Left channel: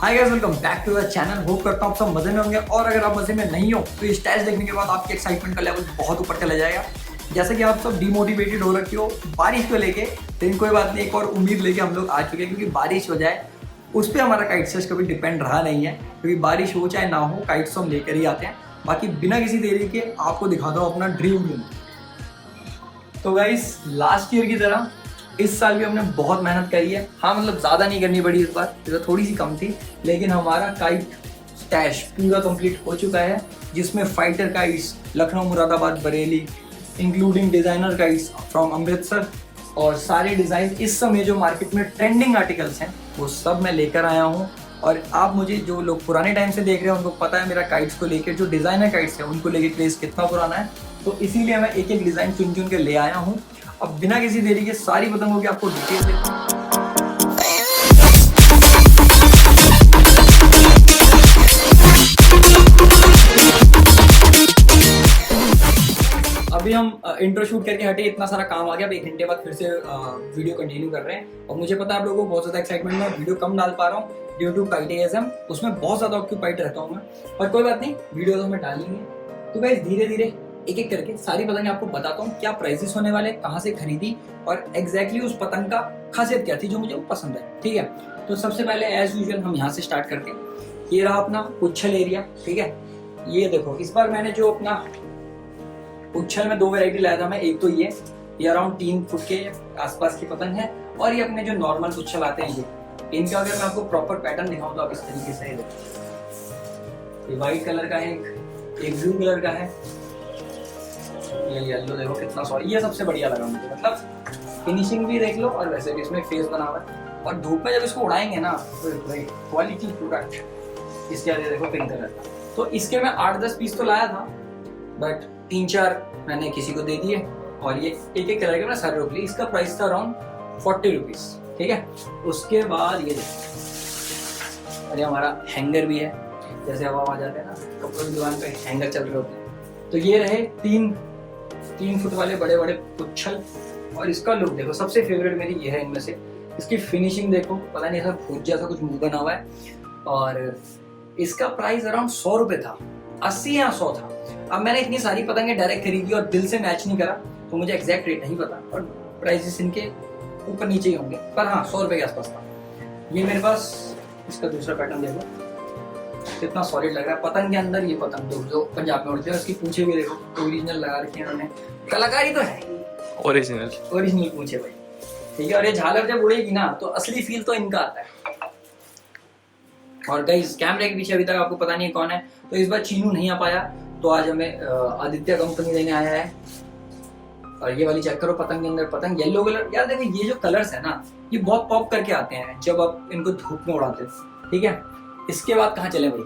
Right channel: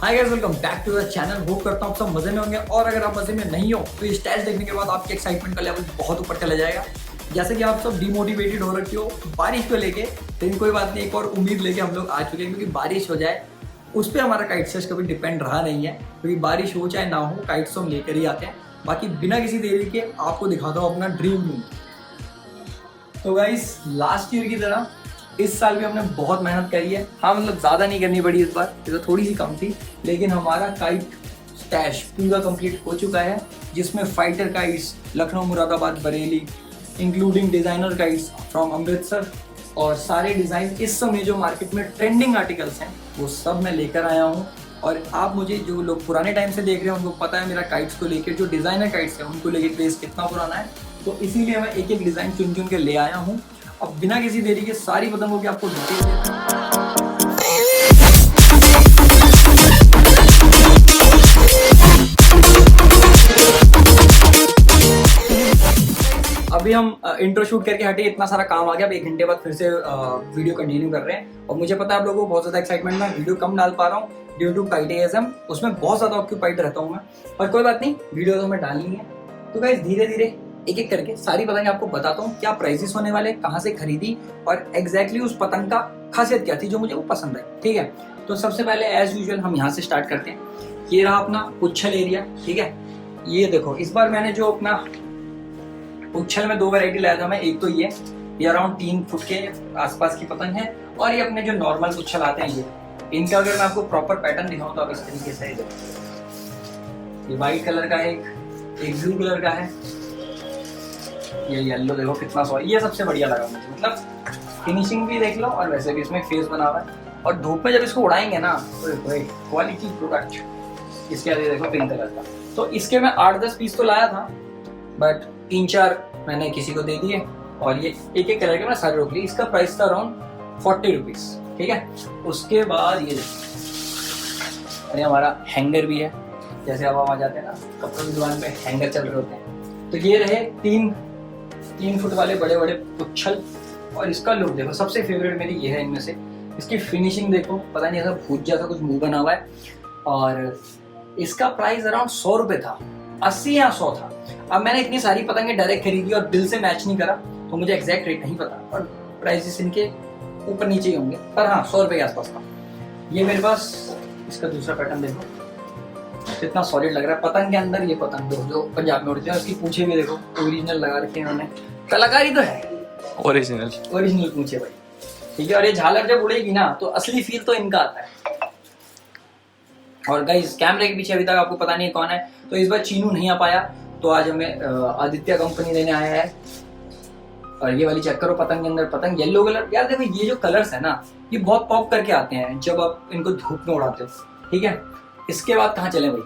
Hi guys, welcome back to the channel. Hope करता हूँ आप सब मजे में होंगे और अगर आप मजे में नहीं हो तो ये स्टैच देखने के बाद आपके एक्साइटमेंट का लेवल बहुत ऊपर चला जाएगा। जैसे कि आप सब डिमोटिवेटेड हो रखे हो बारिश को लेके, लेकिन कोई बात नहीं, एक और उम्मीद लेके हम लोग आ चुके हैं क्योंकि बारिश हो जाए उस पर हमारा काइट सर्च कभी डिपेंड रहा नहीं है, क्योंकि बारिश हो चाहे ना हो काइट्स हम लेकर ही आते हैं। बाकी बिना किसी देरी के आपको दिखाता हूँ अपना ड्रीम रूम। तो गाइस, लास्ट ईयर की तरह इस साल भी हमने बहुत मेहनत करी है। हाँ, मतलब ज़्यादा नहीं करनी पड़ी इस बार, तो थोड़ी सी कम थी, लेकिन हमारा काइट स्टैश पूरा कंप्लीट हो चुका है, जिसमें fighter kites Lucknow, Moradabad, Bareilly, including designer kites from Amritsar, और सारे डिज़ाइन इस समय जो मार्केट में ट्रेंडिंग आर्टिकल्स हैं वो सब मैं लेकर आया हूँ। और आप मुझे जो लोग पुराने टाइम से देख रहे हैं उनको पता है मेरा काइट्स को लेकर, जो डिज़ाइनर काइट्स हैं उनको लेकर क्रेज़ कितना पुराना है। तो इसीलिए मैं एक एक डिज़ाइन चुन चुन के ले आया हूँ। अब बिना किसी देरी के सारी पतंगों की आपको डिटेल देता हूं। अभी हम इंट्रो शूट करके हटे, इतना सारा काम आ गया। अब 1 घंटे बाद फिर से वीडियो कंटिन्यू कर रहे हैं और मुझे पता है आप लोगों को बहुत ज़्यादा एक्साइटमेंट में वीडियो कम डाल पा रहा हूँ ड्यू टू काइटेज़म, उसमें बहुत ज़्यादा ऑक्यूपाइड रहता हूँ मैं, और कोई बात नहीं, वीडियो तो हमें डालनी है। तो गाइस, धीरे धीरे एक एक करके सारी पतंग आपको बताता हूँ क्या प्राइसेस होने वाले, कहाँ से खरीदी और एग्जैक्टली उस पतंग का खासियत क्या थी जो मुझे वो पसंद आई। ठीक है, तो सबसे पहले एज यूजुअल हम यहाँ से स्टार्ट करते हैं। ये रहा अपना उच्छल एरिया। ठीक है, ये देखो, इस बार मैंने जो अपना उच्छल में 2 वैरायटी लाया था मैं। एक तो ये अराउंड 3 फुट के आसपास की पतंग है, और ये अपने जो नॉर्मल उच्छल आते हैं इनका अगर मैं आपको प्रॉपर पैटर्न दिखाऊं तो आप इस तरीके से, ये व्हाइट कलर का है, एक ब्लू कलर का है, ये येलो देखो कितना सॉरी, ये सबसे बढ़िया लगा मुझे। मतलब फिनिशिंग भी देख लो और वैसे भी इसमें फेस बना हुआ है, और धूप में जब इसको उड़ाएंगे ना तो क्वालिटी प्रोडक्ट। इसके आगे देखो पिंक कलर का। तो इसके मैं 8-10 पीस तो लाया था, बट 3-4 मैंने किसी को दे दिए, और ये एक एक कलर के मैं सारे रोक लिए। इसका प्राइस था अराउंड 40 रुपीज। ठीक है, उसके बाद ये अरे हमारा हैंगर भी है, जैसे अब आ जाते हैं ना कपड़ों की दुकान पे हैंगर चल रहे होते हैं। तो ये रहे 3 फुट वाले बड़े बड़े उच्छल, और इसका लुक देखो, सबसे फेवरेट मेरी ये है इनमें से। इसकी फिनिशिंग देखो, पता नहीं ऐसा भूत जैसा कुछ मुंह बना हुआ है, और इसका प्राइस अराउंड 100 रुपए था, 80 या 100 था। अब मैंने इतनी सारी पतंगें डायरेक्ट खरीदी और बिल से मैच नहीं करा, तो मुझे एग्जैक्ट रेट नहीं पता, और प्राइसेस इनके ऊपर नीचे ही होंगे, पर हाँ 100 रुपए के आसपास था। ये मेरे पास इसका दूसरा पैटर्न देखो, कितना सॉलिड लग रहा है। पतंग के अंदर ये पतंग जो पंजाब में उड़ती है, उसकी पूंछे भी देखो ओरिजिनल लगा रखी है उन्होंने, कलाकारी तो है, ओरिजिनल पूंछे भाई। ठीक है, और ये झालर जब उड़ेगी ना तो असली फील तो इनका आता है। और गाइस, कैमरे के पीछे अभी तक आपको पता नहीं है कौन है, तो इस बार चीनू नहीं आ पाया, तो आज हमें आदित्य कंपनी देने आया है। और ये वाली चेक करो, पतंग के अंदर पतंग येलो कलर। यार देखो, ये जो कलर्स है ना ये बहुत पॉप करके आते हैं जब आप इनको धूप में उड़ाते हो। ठीक है, इसके बाद कहाँ चले भाई?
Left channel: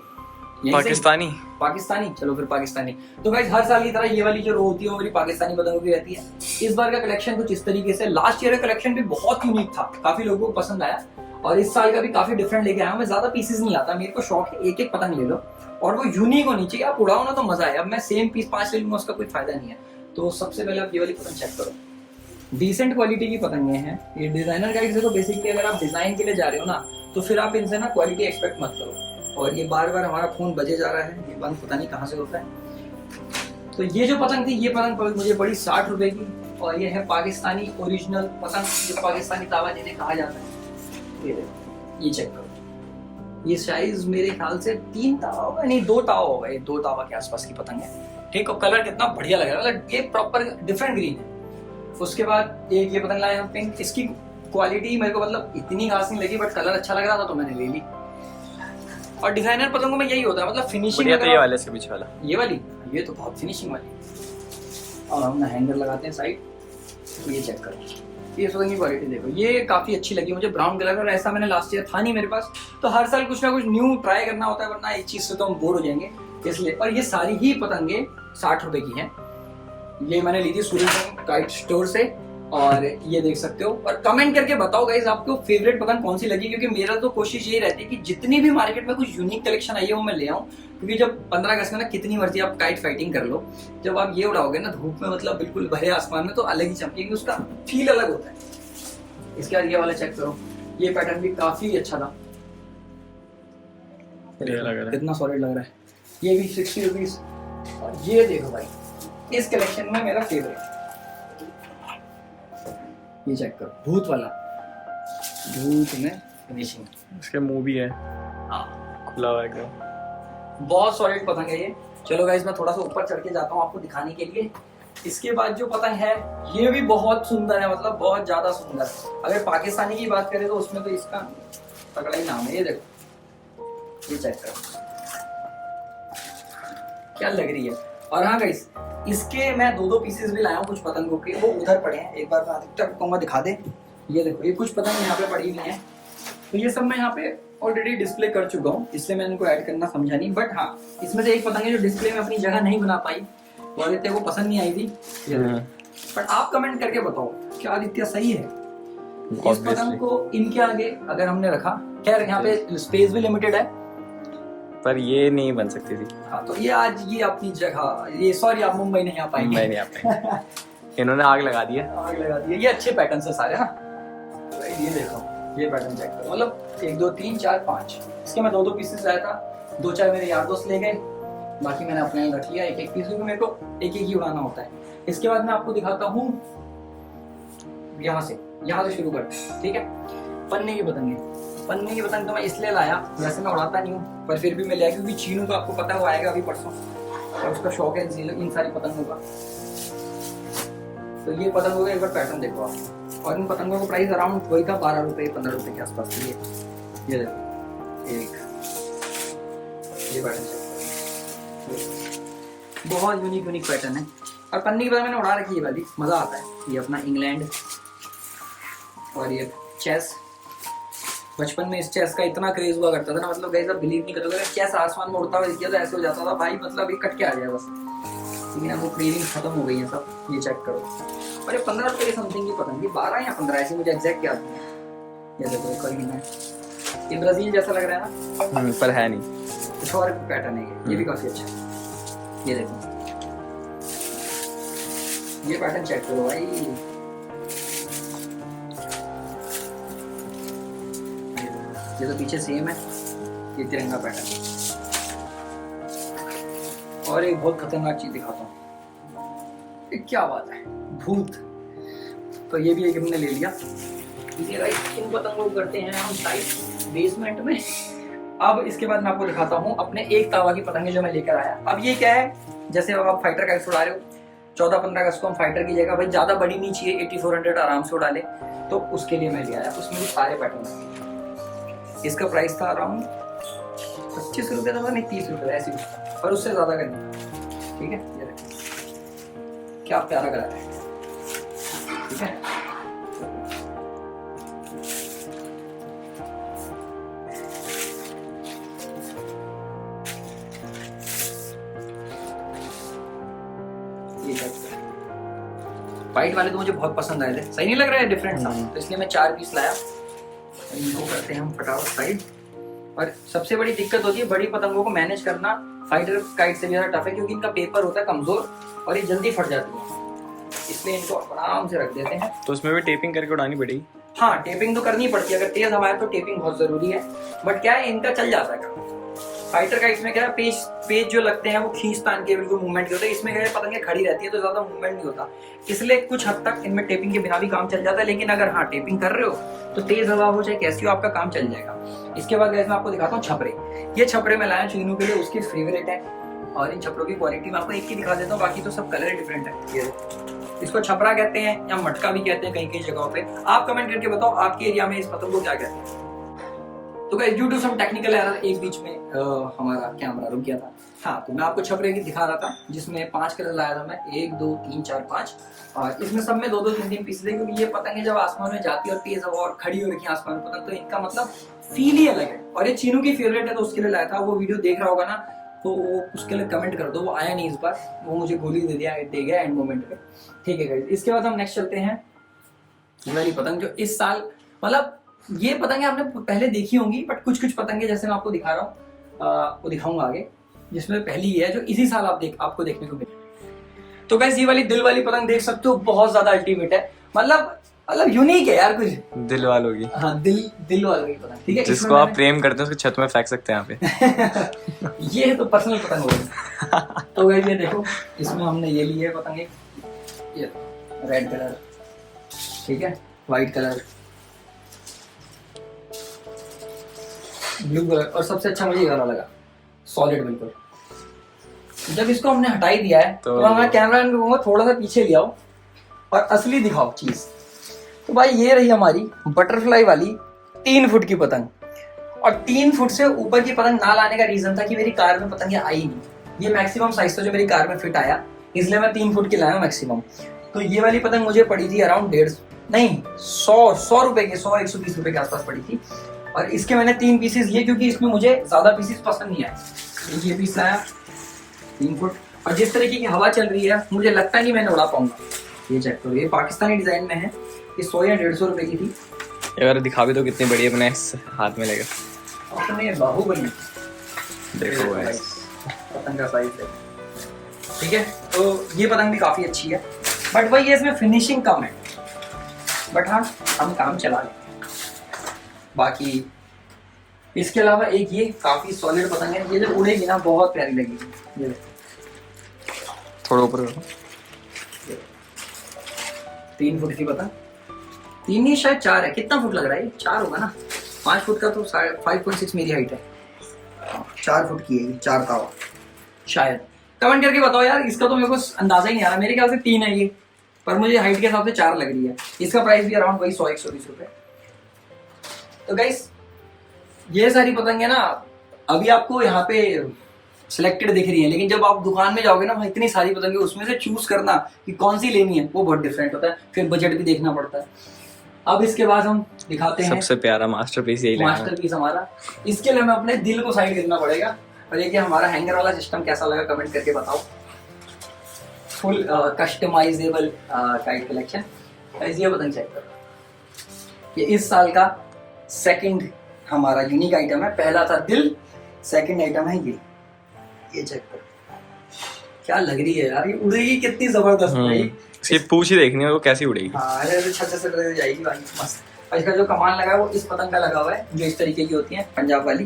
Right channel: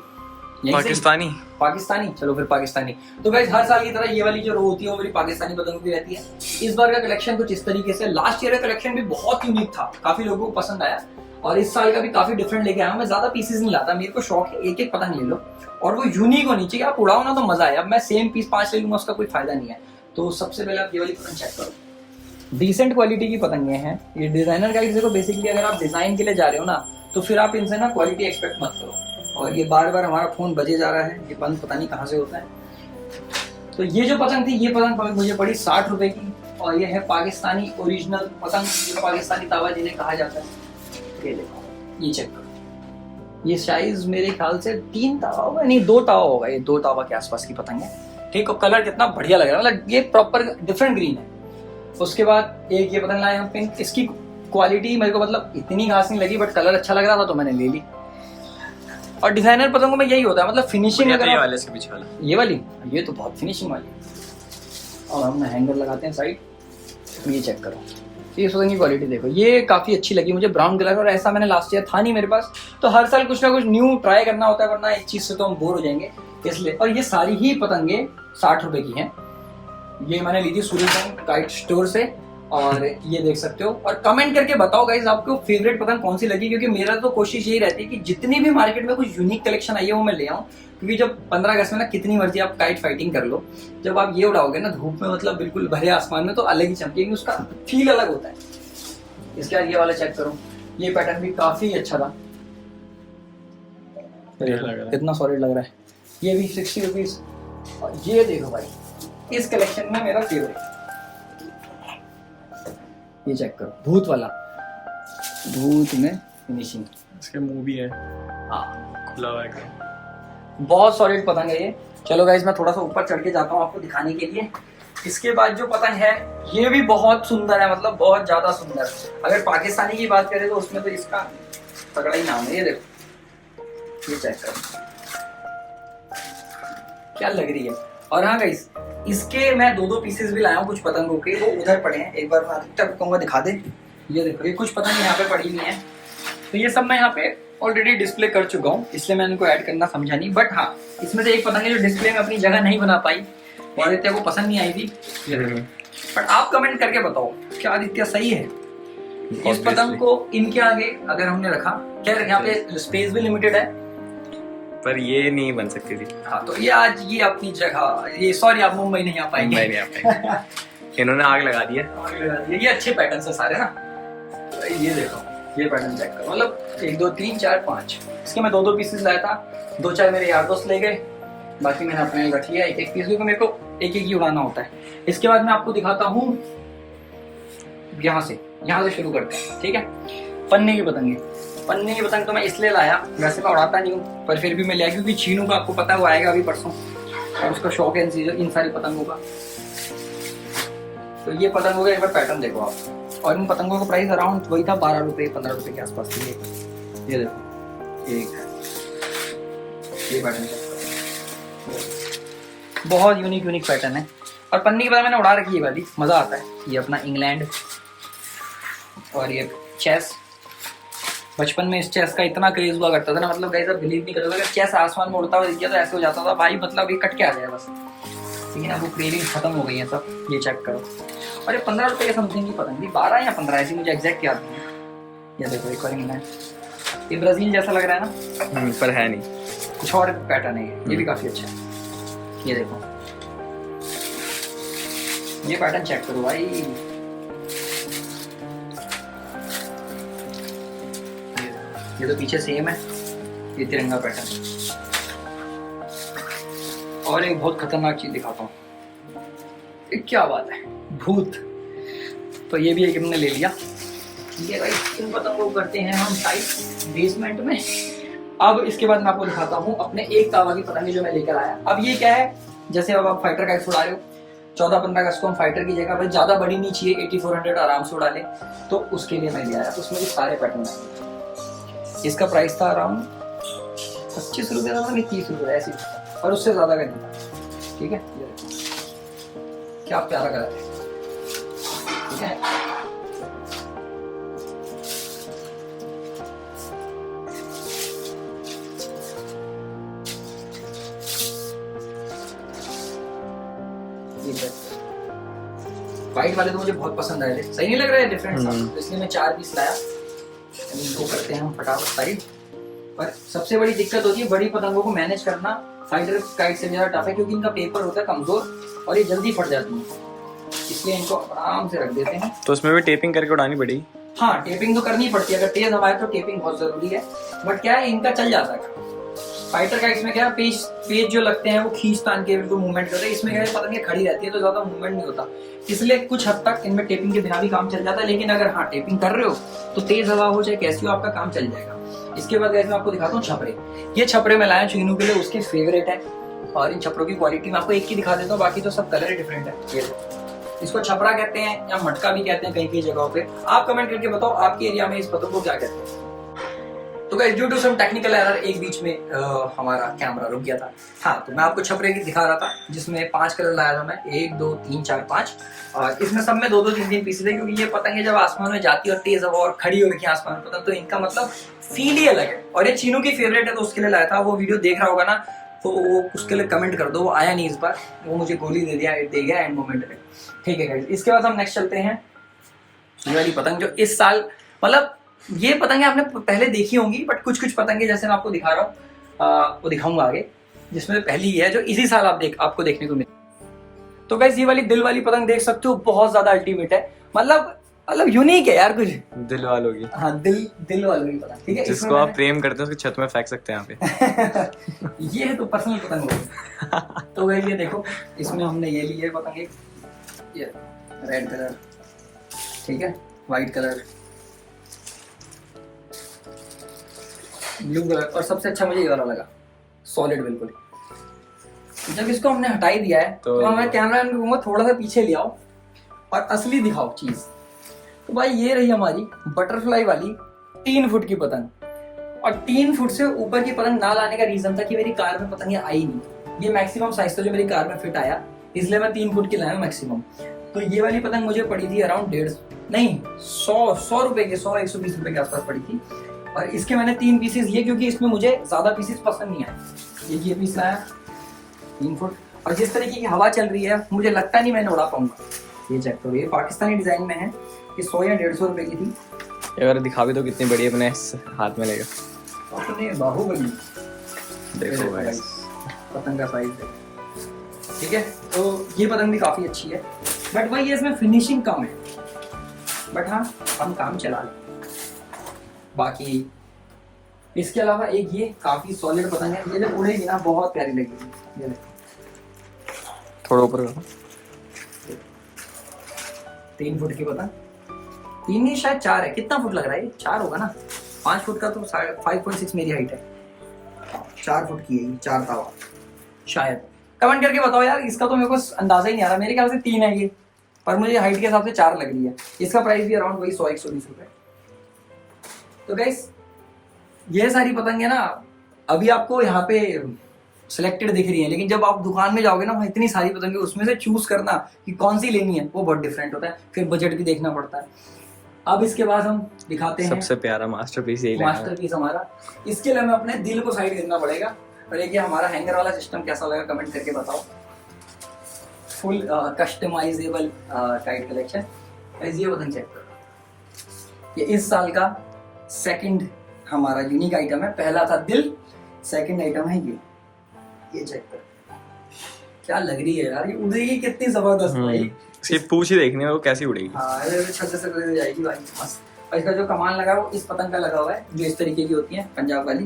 पाकिस्तानी। चलो फिर पाकिस्तानी। तो गाइस, हर साल की तरह ये वाली जो रो होती है वो पाकिस्तानी पतंगों की रहती है। इस बार का कलेक्शन कुछ इस तरीके से, लास्ट ईयर का कलेक्शन भी बहुत यूनिक था, काफी लोगों को पसंद आया, और इस साल का भी काफी डिफरेंट लेके आया हूं। मैं ज्यादा पीसेस नहीं लाता, मेरे को शौक है एक एक पतंग ले लो और वो यूनिक होनी चाहिए, आप उड़ाओ ना तो मजा आए। अब मैं सेम पीस 5 ले लूंगा, उसका कोई फायदा नहीं है। तो सबसे पहले आप ये वाली पतंग चेक करो, डिसेंट क्वालिटी की पतंगे हैं ये। डिजाइनर गाइड्स देखो, बेसिकली अगर आप डिजाइन के लिए जा रहे हो ना तो फिर आप इनसे ना क्वालिटी एक्सपेक्ट मत करो। और ये बार बार हमारा फोन बजे जा रहा है, ये बंद पता नहीं कहाँ से होता है। तो ये जो पतंग थी, ये पतंग मुझे पड़ी 60 रुपए की, और ये है पाकिस्तानी ओरिजिनल पतंग, ये पाकिस्तानी तावा जिन्हें कहा जाता है। ये देखो, ये चेक करो, ये साइज मेरे ख्याल से 3 तावा होगा, नहीं 2 तावा होगा, ये 2 तावा के आसपास की पतंग है। ठीक, और कलर कितना बढ़िया लग रहा है, मतलब ये प्रॉपर डिफरेंट ग्रीन है। उसके बाद एक ये पतंग लाए हम पिंक, इसकी क्वालिटी मेरे को मतलब इतनी खास नहीं लगी, बट कलर अच्छा लग रहा था तो मैंने ले ली। और डिजाइनर पतंगों में यही होता है, मतलब फिनिशिंग। तो ये वाले से पीछे वाला, ये वाली, ये तो बहुत फिनिशिंग वाली। और हम हैंगर लगाते हैं साइड, ये चेक करो, ये पतंग की क्वालिटी देखो, ये काफी अच्छी लगी मुझे, ब्राउन कलर। और ऐसा मैंने लास्ट ईयर था नहीं मेरे पास, तो हर साल कुछ ना कुछ न्यू ट्राई करना होता है, वरना एक चीज से तो हम बोर हो जाएंगे, इसलिए। और ये सारी ही पतंगे 60 रुपए की हैं। ये मैंने ली थी सूर्यकांत काइट स्टोर से, और ये देख सकते हो। और कमेंट करके बताओ गाइस, आपको फेवरेट पतंग कौन सी लगी, क्योंकि मेरा तो कोशिश यही रहती है कि जितनी भी मार्केट में कुछ यूनिक कलेक्शन आई है वो मैं ले आऊं। क्योंकि जब 15 अगस्त में ना कितनी मर्जी आप काइट फाइटिंग कर लो, जब आप ये उड़ाओगे ना धूप में, मतलब बिल्कुल भरे आसमान में, तो अलग ही चमकेगी, उसका फील अलग होता है। इसके बाद ये वाला चेक करो, ये पैटर्न भी काफी अच्छा था। कितना सॉलिड लग रहा है। ये भी 60 रुपीज। और ये देखो भाई, इस कलेक्शन में मेरा फेवरेट, ये चेक करो, भूत वाला, भूत में फिनिशिंग, इसके मुंह भी है, हाँ खुला हुआ एकदम, बहुत सॉलिड पतंग है ये। चलो गाइस मैं थोड़ा सा ऊपर चढ़ के जाता हूँ आपको दिखाने के लिए। इसके बाद जो पतंग है ये भी बहुत सुंदर है, मतलब बहुत ज्यादा सुंदर। अगर पाकिस्तानी की बात करें तो उसमें तो इसका तगड़ा ही नाम है। ये देखो, ये चेक करो क्या लग रही है। और हाँ गाइस, इसके मैं दो पीसेस भी लाया हूँ कुछ पतंगों के, वो उधर पड़े हैं। एक बार मैं अधिकतर कहूँगा दिखा दे। ये देखो, ये कुछ पतंग यहाँ पे पड़ी हुई है, तो ये सब मैं यहाँ पे ऑलरेडी डिस्प्ले कर चुका हूँ, इसलिए मैंने इनको ऐड करना समझा नहीं। बट हाँ, इसमें से एक पतंग है जो डिस्प्ले में अपनी जगह नहीं बना पाई, और आदित्य को पसंद नहीं आई थी। बट आप कमेंट करके बताओ क्या आदित्य सही है इस पतंग को इनके आगे अगर हमने रखा? क्या यहाँ पे स्पेस भी लिमिटेड है, पर ये नहीं बन सकती थी। हाँ तो ये आज ये अपनी जगह, ये सॉरी आप मुंबई नहीं आ पाएंगे। मुंबई नहीं आ पाएंगे। इन्होंने आग लगा दी है। आग लगा दी है। ये अच्छे पैटर्न है सारे ना। ये देखो, ये पैटर्न चेक करो, मतलब 1 2 3 4 5, इसके मैं दो पीसेस लाया था, 2 4 मेरे यार दोस्त ले गए, बाकी मैंने अपने रख लिया एक पीस, क्योंकि मेरे को एक ही उड़ाना होता है। इसके बाद मैं आपको दिखाता हूँ, यहाँ से शुरू करते हैं, ठीक है। पन्ने की पतंग तो मैं इसलिए लाया, वैसे मैं उड़ाता नहीं हूँ पर फिर भी मैं लिया क्योंकि चीनू का आपको पता है वो आएगा अभी परसों, और उसका शौक है इन सारी पतंगों का। तो ये पतंगों का एक बार पैटर्न देखो आप, और इन पतंगों का प्राइस अराउंड वही था 12 रुपए 15 रुपए के आसपास। ये देखो, ये पैटर्न बहुत यूनिक पैटर्न है। और पन्नी की पतंग मैंने उड़ा रखी है वाली, मजा आता है। ये अपना इंग्लैंड, और ये चेस। बचपन में इस चेस का इतना क्रेज हुआ करता था ना, मतलब गाइस आप बिलीव नहीं करोगे, अगर चेस आसमान में उड़ता हुआ दिख गया तो ऐसे हो जाता था भाई, मतलब ये कट के आ जाए बस। लेकिन अब वो क्रेविंग खत्म हो गई है सब। ये चेक करो, और ये 15 रुपए के समथिंग की पतंग थी, 12 या 15 ऐसी मुझे एग्जैक्ट याद नहीं है। ये देखो एक और इंग्लैंड, ये ब्राजील जैसा लग रहा है ना, पर है नहीं, कुछ और पैटर्न है। ये भी काफी अच्छा है। ये देखो, ये पैटर्न चेक करो भाई, ये तो पीछे सेम है, ये तिरंगा पैटर्न। और एक बहुत खतरनाक चीज दिखाता हूँ, क्या बात है, भूत। तो ये भी एक हमने ले लिया। ये गाइस इन पतंगों को करते हैं हम टाइट बेसमेंट में। अब इसके बाद मैं आपको दिखाता हूँ अपने एक तावा की पतंगे जो मैं लेकर आया। अब ये क्या है, जैसे अब आप फाइटर काइट्स उड़ा रहे हो 14-15 अगस्त को, हम फाइटर की जगह भाई ज्यादा बड़ी नहीं चाहिए, 8400 आराम से उड़ा ले, तो उसके लिए मैं ले आया। उसमें भी सारे पैटर्न है। इसका प्राइस था अराउंड 25 रुपये था, नहीं 30 रुपये ऐसे, और उससे ज्यादा का नहीं। ठीक है, क्या प्यारा कलर है, ठीक है। वाइट वाले तो मुझे बहुत पसंद आए थे, सही नहीं लग रहा है, डिफरेंट सा, तो इसलिए मैं 4 पीस लाया। इनको करते हैं हम फटाफट साइड। और सबसे बड़ी दिक्कत होती है बड़ी पतंगों को मैनेज करना, फाइटर काइट से भी ज्यादा टफ है, क्योंकि इनका पेपर होता है कमजोर और ये जल्दी फट जाती है, इसलिए इनको आराम से रख देते हैं। तो उसमें भी टेपिंग करके उड़ानी पड़ेगी? हाँ, टेपिंग तो करनी पड़ती है, अगर तेज हवा है तो टेपिंग बहुत जरूरी है। बट क्या है, इनका चल जाता है। फाइटर काइट्स में क्या है, पेज जो लगते हैं वो खींच तान के बिल्कुल मूवमेंट करते हैं, इसमें क्या है पतंगे खड़ी रहती है तो ज्यादा मूवमेंट नहीं होता, इसलिए कुछ हद तक इनमें टेपिंग के बिना भी काम चल जाता है। लेकिन अगर हाँ टेपिंग कर रहे हो तो तेज हवा हो चाहे कैसी हो, आपका काम चल जाएगा। इसके बाद मैं आपको दिखाता हूँ छपरे। ये छपरे मैं लाया चीनू के लिए, उसकी फेवरेट है। और इन छपरों की क्वालिटी मैं आपको एक ही दिखा देता हूँ, बाकी तो सब कलर ही डिफरेंट है। इसको छपरा कहते हैं या मटका भी कहते हैं कई कई जगहों पे। आप कमेंट करके बताओ आपके एरिया में इस पतंग को क्या कहते हैं। तो guys due to some technical error एक बीच में हमारा कैमरा रुक गया था। हाँ, तो मैं आपको छपरे की दिखा रहा था जिसमें 5 कलर लाया था मैं, 1 2 3 4 5, और इसमें सब में 2 2 3 3 पीसेस है, क्योंकि ये पतंगे जब आसमान में जाती है और तेज हवा और खड़ी हो रखी है आसमान में पतंग, तो इनका मतलब फील ही अलग है। और ये चीनू की फेवरेट है तो उसके लिए लाया था। वो वीडियो देख रहा होगा ना, तो वो उसके लिए कमेंट कर दो। वो आया नहीं इस बार, वो मुझे गोली दे गया एंड मोमेंट पे। ठीक है गाइस, इसके बाद हम नेक्स्ट चलते हैं ये वाली पतंग जो इस साल, मतलब ये पतंगे आपने पहले देखी होंगी, बट कुछ कुछ पतंगे जैसे मैं आपको दिखा रहा हूँ वो दिखाऊंगा आगे, जिसमें पहली है जो इसी साल आपको देखने को मिली। तो गाइस ये वाली दिल वाली पतंग देख सकते हो, बहुत ज्यादा अल्टीमेट है। मतलब मतलब यूनिक है यार कुछ। दिल वालों की, हाँ दिल वालों की पतंग, ठीक है। जिसको आप प्रेम करते हैं उसकी छत में फेंक सकते हैं यहाँ पे। ये तो पर्सनल पतंग हो गई। तो वही ये देखो, इसमें हमने ये ली है पतंग एक, ये रेड कलर, ठीक है, व्हाइट कलर, ब्लू कलर, और सबसे अच्छा मुझे ये वाला लगा, सॉलिड बिल्कुल। जब इसको हमने हटा ही दिया है तो मैं कैमरा एंगल कहूंगा थोड़ा सा पीछे ले आओ और असली दिखाओ चीज। तो भाई ये रही हमारी बटरफ्लाई वाली 3 फुट की पतंग। और 3 फुट से ऊपर की पतंग ना लाने का रीजन था कि मेरी कार में पतंग आई नहीं, ये मैक्सिमम साइज था जो मेरी कार में फिट आया, इसलिए मैं 3 फुट की लाया हूँ मैक्सिमम। तो ये वाली पतंग मुझे पड़ी थी अराउंड 100 रुपए के, 100-120 रुपए के आसपास पड़ी थी। और इसके मैंने 3 पीसेस लिए क्योंकि इसमें मुझे ज्यादा पीसेस पसंद नहीं आए। ये पीस लाया 3 फुट, और जिस तरीके की हवा चल रही है मुझे लगता नहीं मैंने उड़ा पाऊंगा। ये चेक करो, ये पाकिस्तानी डिजाइन में है, ये 100 या 150 रुपए की थी। अगर दिखा भी तो कितनी बड़ी अपने इस हाथ में लेगा, अपने बाहुबली देखो गाइस पतंग का साइज है, ठीक है। तो ये पतंग भी काफी अच्छी है, बट वही है इसमें फिनिशिंग कम है, बट हाँ हम काम चला लेंगे। बाकी इसके अलावा एक ये काफी सॉलिड पतंग है, ये जब उड़ेगी ना बहुत प्यारी लगेगी। ये थोड़ा ऊपर करो। 3 फुट की पतंग, 3 नहीं शायद 4 है, कितना फुट लग रहा है, 4 होगा ना, 5 फुट का तो 5.6 मेरी हाइट है, 4 फुट की है ये, 4 तावा शायद। कमेंट करके बताओ यार, इसका तो मेरे को अंदाजा ही नहीं आ रहा, मेरे ख्याल से 3 है ये, पर मुझे हाइट के हिसाब से 4 लग रही है। इसका प्राइस भी अराउंड वही 100-120 रुपए। तो गाइस ये सारी पतंगे ना अभी आपको यहाँ पे सिलेक्टेड दिख रही है, लेकिन जब आप दुकान में जाओगे ना वहाँ इतनी सारी पतंगे, उसमें से चूज करना कि कौन सी लेनी है वो बहुत डिफरेंट होता है, फिर बजट भी देखना पड़ता है। अब इसके बाद हम दिखाते हैं सबसे प्यारा मास्टरपीस यही लेना है। मास्टरपीस हमारा। इसके लिए हमें अपने दिल को साइड करना पड़ेगा। और ये हमारा हैंगर वाला सिस्टम कैसा लगा कमेंट करके बताओ। Full customisable tight collection. ये पतंग चेक करो, ये इस साल का सेकंड हमारा यूनिक आइटम है। पहला था दिल, सेकंड आइटम है ये चेक करो, क्या लग रही है यार, ये उड़ेगी कितनी जबरदस्त है। इसकी पूंछ ही देखनी है वो कैसी उड़ेगी। हाँ छत से लग जाएगी भाई, मस्त। और इसका जो कमाल लगा है वो इस पतंग का लगा हुआ है, जो इस तरीके की होती है पंजाब वाली,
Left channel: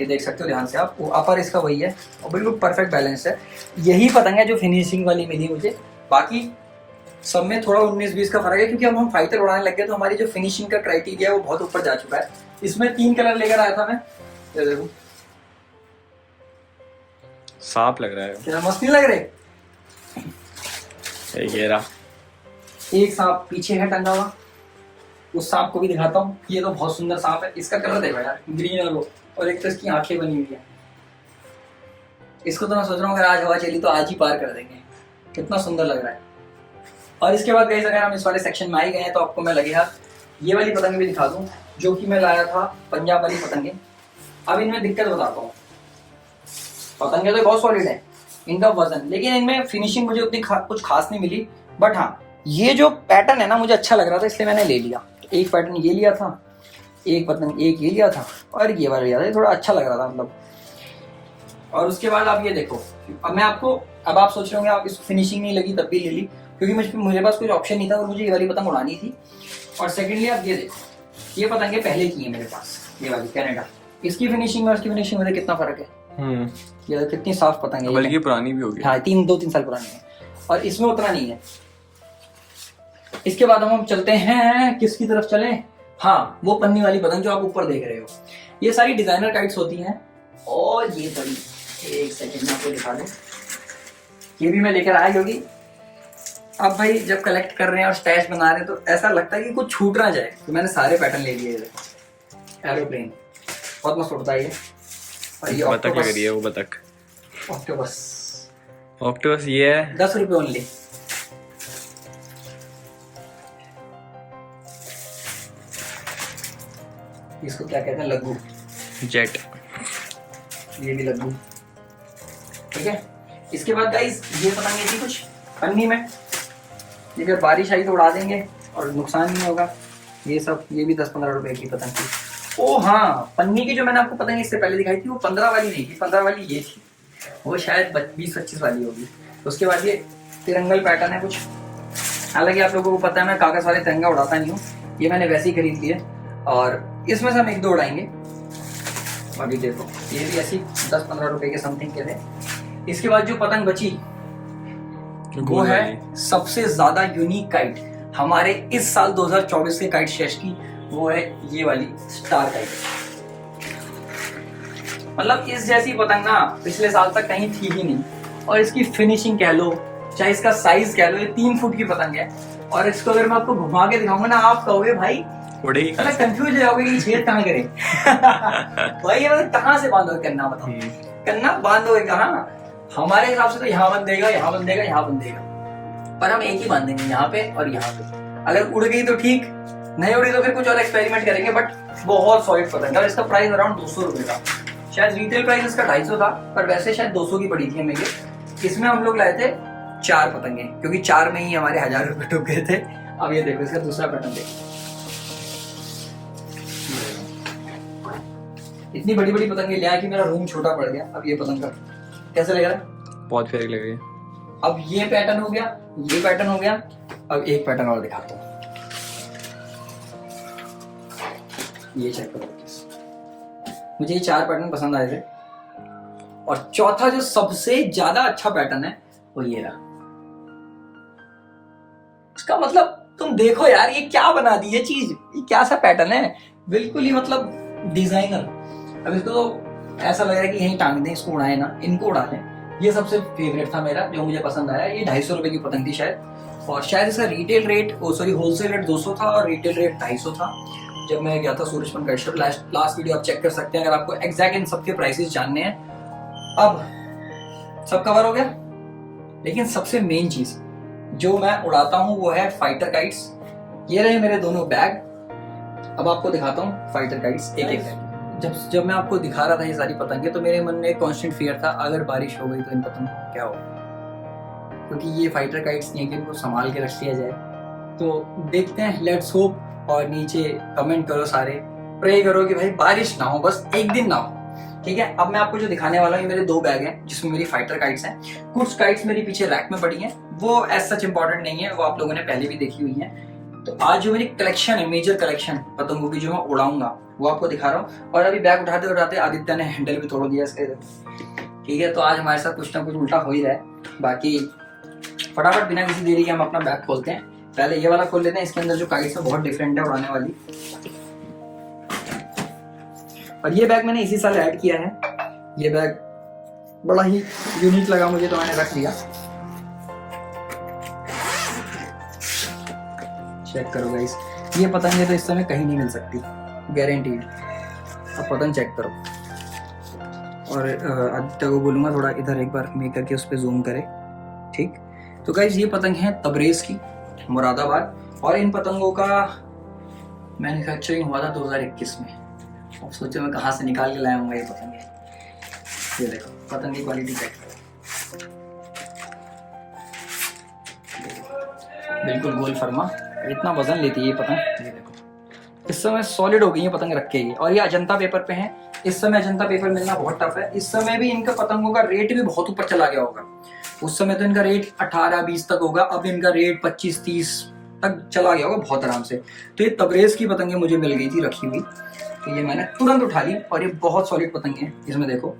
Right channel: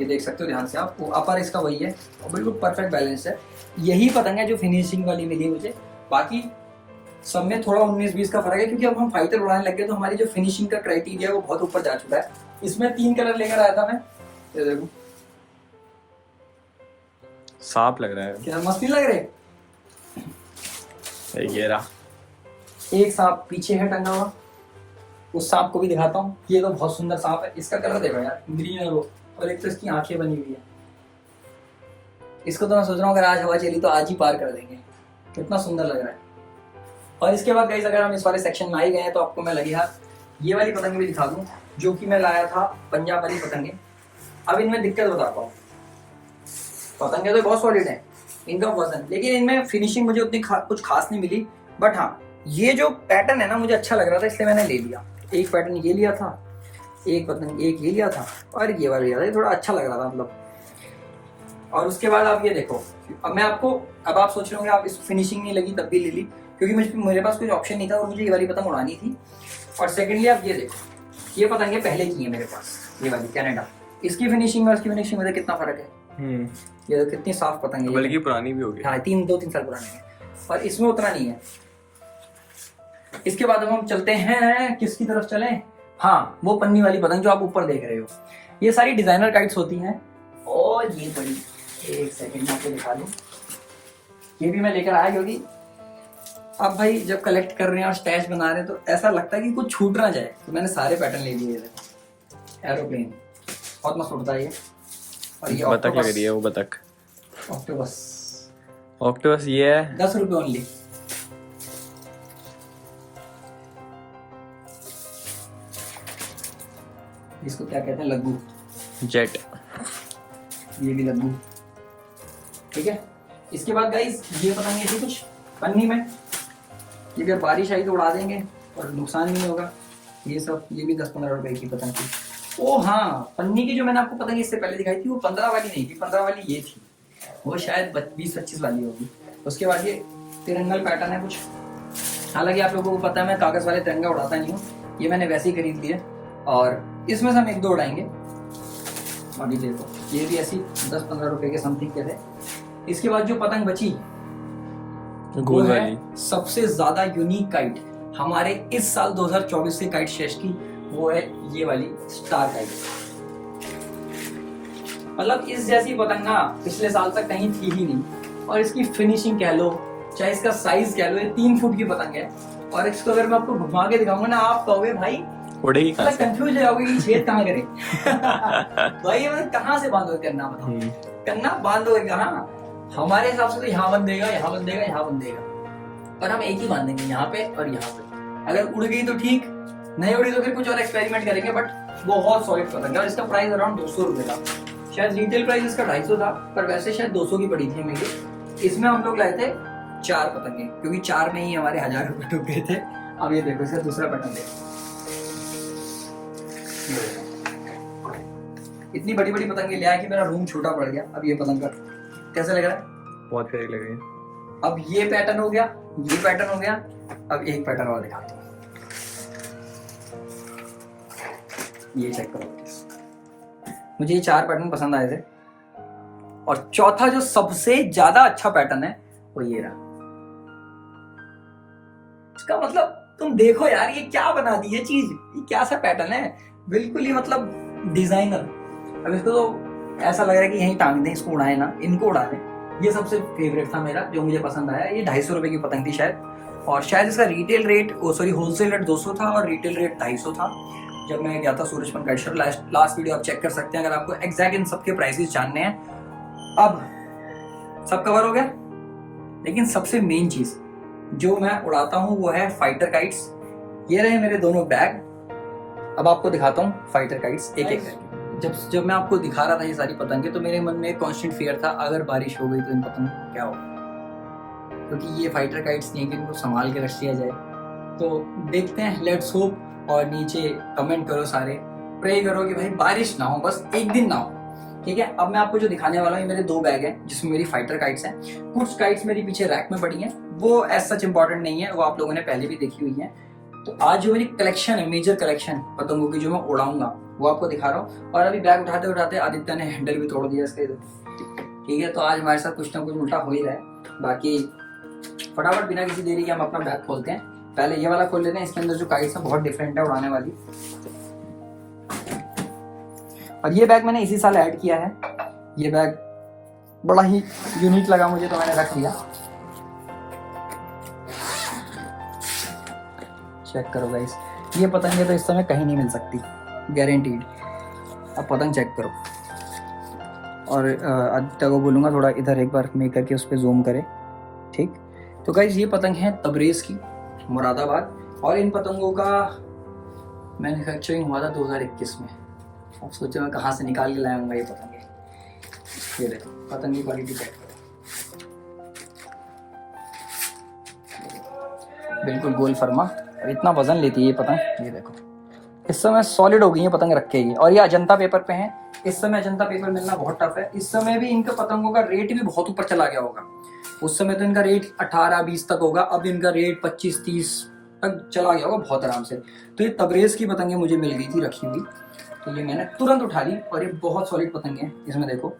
ये देख सकते हो ध्यान से आप, अपर इसका वही है और बिल्कुल परफेक्ट बैलेंस है। यही पतंग है जो फिनिशिंग वाली मिली मुझे, बाकी सब में थोड़ा 19-20 का फर्क है, क्योंकि अब हम फाइटर उड़ाने लग गए तो हमारी जो फिनिशिंग का क्राइटेरिया है वो बहुत ऊपर जा चुका है। इसमें 3 कलर लेकर आया था मैं, ये देखो सांप लग रहा है, कितना मस्त नहीं लग रहे। ये रहा एक सांप पीछे है टंगा हुआ, उस सांप को भी दिखाता हूँ। ये तो बहुत सुंदर सांप है, इसका कलर देखो यार, ग्रीन और एक तो इसकी आंखें बनी हुई है। इसको तो मैं सोच रहा हूँ अगर आज हवा चली तो आज ही पार कर देंगे, कितना सुंदर लग रहा है। और इसके बाद गाइस अगर हम इस वाले सेक्शन में आ ही गए हैं तो आपको मैं लगेगा ये वाली पतंगे भी दिखा दूं, जो कि मैं लाया था पंजाब वाली पतंगे। अब इनमें दिक्कत बताता हूँ, पतंगे तो बहुत सॉलिड है, इनका वजन, लेकिन इनमें फिनिशिंग मुझे उतनी कुछ खास नहीं मिली। बट हाँ ये जो पैटर्न है ना मुझे अच्छा लग रहा था, इसलिए मैंने ले लिया। एक पैटर्न ये लिया था, एक पतंग एक ये लिया था, और ये वाला लिया था, ये थोड़ा अच्छा लग रहा था मतलब। और उसके बाद आप ये देखो, अब मैं आपको, अब आप सोच रहे होंगे आप इसको फिनिशिंग नहीं लगी तब भी ले ली, क्योंकि मेरे पास कुछ ऑप्शन नहीं था और मुझे ये वाली पतंग उड़ानी थी। और सेकेंडली आप ये देखो, ये पतंगे पहले की है मेरे पास, ये वाली कैनेडा, इसकी फिनिशिंग और उसकी फिनिशिंग में कितना फर्क है। ये कितनी साफ पतंग है, बल्कि पुरानी भी होगी। हाँ 2-3 साल पुरानी है, और इसमें उतना नहीं है। इसके बाद हम चलते हैं किसकी तरफ चले, हाँ वो पन्नी वाली पतंग जो आप ऊपर देख रहे हो। ये सारी डिजाइनर काइट्स होती हैं, और ये बड़ी, एक सेकंड में आपको दिखा दूं, ये भी मैं लेकर आया क्योंकि अब भाई जब कलेक्ट कर रहे हैं और स्टैश बना रहे हैं तो ऐसा लगता है कि कुछ छूट ना जाए, तो मैंने सारे पैटर्न ले लिए। एरोप्लेन बहुत मस्त उड़ता है ये, और ये बतख लग रही है, वो बतख ऑक्टोपस ये है 10 रुपये ओनली। इसको क्या कहते हैं, लग्गू जेट, ये भी लग्गू, ठीक है। इसके बाद गाइस ये पतंगे थी कुछ पन्नी में, अगर बारिश आई तो उड़ा देंगे और नुकसान नहीं होगा। ये सब, ये भी 10-15 रुपए की पतंग थी। ओ हाँ, पन्नी की जो मैंने आपको पतंग इससे पहले दिखाई थी वो 15 वाली नहीं थी, 15 वाली ये थी, वो शायद 20-25 वाली होगी। उसके बाद ये तिरंगल पैटर्न है कुछ, हालांकि आप लोगों को पता है मैं कागज वाले तिरंगा उड़ाता नहीं हूँ, ये मैंने वैसे ही खरीद लिए और इसमें से हम 1-2 उड़ाएंगे। अभी देखो ये भी ऐसी 10-15 रुपए के समथिंग के थे। इसके बाद जो पतंग बची वो है सबसे ज्यादा यूनिक काइट हमारे इस साल 2024 के काइट शेष की, वो है ये वाली स्टार काइट। मतलब इस जैसी पतंग ना पिछले साल तक कहीं थी ही नहीं, और इसकी फिनिशिंग कह लो चाहे इसका साइज कह लो, ये 3 फुट की पतंग है। और इसको अगर मैं आपको घुमा के दिखाऊंगा ना, आप कहोगे भाई उड़ेगी, मतलब कंफ्यूज हो जाओगे कि छेद कहाँ करें। भाई ये मतलब कहाँ से बांधोगे कन्ना, बताओ कन्ना बांधोगे कहाँ? हमारे हिसाब से तो यहाँ बंधेगा, यहाँ बंधेगा, यहाँ बंधेगा, पर हम एक ही बांधेंगे, यहाँ पे और यहाँ पे। अगर उड़ गई तो ठीक, नहीं उड़ी तो फिर कुछ और एक्सपेरिमेंट करेंगे। बट बहुत सॉलिड पतंग है और इसका प्राइस अराउंड 200 रुपए था। शायद रिटेल प्राइस इसका 250 था, पर वैसे शायद 200 की पड़ी थी हमें ये। इसमें हम लोग लाए थे 4 पतंगे, क्योंकि 4 में ही हमारे 1000 रुपए डूब गए थे। अब ये देखो इसका दूसरा पैटर्न देखो, इतनी बड़ी बड़ी पतंगे ले आया कि मेरा रूम छोटा पड़ गया। अब ये पतंग का कैसा लग रहा है? बहुत फेरी लग रही है। अब ये पैटर्न हो गया, ये पैटर्न हो गया, अब एक पैटर्न और दिखाता हूँ, ये चेक करो। मुझे ये 4 पैटर्न पसंद आए थे और चौथा जो सबसे ज्यादा अच्छा पैटर्न है वो ये रहा। इसका मतलब तुम देखो यार ये क्या बना दी ये चीज, ये क्या सा पैटर्न है, बिल्कुल ही मतलब डिजाइनर। अब इसको तो ऐसा लग रहा है कि यहीं टांग दें, इसको उड़ाए ना, इनको उड़ा लें। ये सबसे फेवरेट था मेरा, जो मुझे पसंद आया। ये 250 रुपए की पतंग थी शायद, और शायद इसका रिटेल रेट होलसेल रेट 200 था और रिटेल रेट 250 था जब मैं गया था सूरजपन काइट शॉप। लास्ट वीडियो आप चेक कर सकते हैं अगर आपको एग्जैक्ट इन सबके प्राइसेस जानने हैं। अब सब कवर हो गया, लेकिन सबसे मेन चीज जो मैं उड़ाता हूँ वो है फाइटर काइट्स। ये रहे मेरे दोनों बैग। अब आपको दिखाता हूँ फाइटर काइट्स एक एक। जब मैं आपको दिखा रहा था ये सारी पतंगे, तो मेरे मन में एक कांस्टेंट फियर था अगर बारिश हो गई तो इन पतंगों को क्या होगा, क्योंकि ये फाइटर काइट्स नहीं है कि इनको संभाल के रख लिया जाए। तो देखते हैं, लेट्स होप। और नीचे कमेंट करो सारे, प्रे करो कि भाई बारिश ना हो, बस एक दिन ना हो, ठीक है। अब मैं आपको जो दिखाने वाला हूँ, मेरे 2 बैग हैं जिसमें मेरी फाइटर काइट्स हैं। कुछ काइट्स मेरी पीछे रैक में पड़ी हैं, वो एज सच इंपॉर्टेंट नहीं है, वो आप लोगों ने पहले भी देखी हुई है। तो आज जो मेरी कलेक्शन है, मेजर कलेक्शन पतंगों की जो मैं उड़ाऊंगा वो आपको दिखा रहा हूँ। और अभी बैग उठाते उठाते आदित्य ने हैंडल भी तोड़ दिया इसके, ठीक है। तो आज हमारे साथ कुछ ना कुछ उल्टा हो ही रहा है। बाकी फटाफट बिना किसी देरी के हम अपना बैग खोलते हैं। पहले ये वाला खोल लेते हैं, इसके अंदर जो काइट्स है बहुत डिफरेंट है उड़ाने वाली। और ये बैग मैंने इसी साल ऐड किया है, ये बैग बड़ा ही यूनिक लगा मुझे तो मैंने रख लिया। चेक करो गाइस, ये पतंगे तो इस समय कहीं नहीं मिल सकती, गारंटीड। अब पतंग चेक करो। और आदित्य को बोलूंगा थोड़ा इधर एक बार मेक करके उस पर जूम करे, ठीक। तो गाइस ये पतंग है तबरेज की, मुरादाबाद। और इन पतंगों का मैन्युफैक्चरिंग हुआ था 2021 में। अब सोचो मैं कहाँ से निकाल के लाया हूँ ये पतंगे। ये देखो पतंग की क्वालिटी चेक करो, बिल्कुल गोल फरमा। इतना वजन लेती है ये पतंग। ये देखो इस समय सॉलिड हो गई है पतंग रखेगी। और ये अजंता पेपर पे है। इस समय अजंता पेपर मिलना बहुत टफ है। इस समय भी इनका पतंगों का रेट भी बहुत ऊपर चला गया होगा। उस समय तो इनका रेट 18-20 तक होगा, अब इनका रेट 25-30 तक चला गया होगा बहुत आराम से। तो ये तबरेज की पतंगे मुझे मिल गई थी रखी हुई, तो ये मैंने तुरंत उठा ली। और ये बहुत सॉलिड पतंगे हैं, इसमें देखो।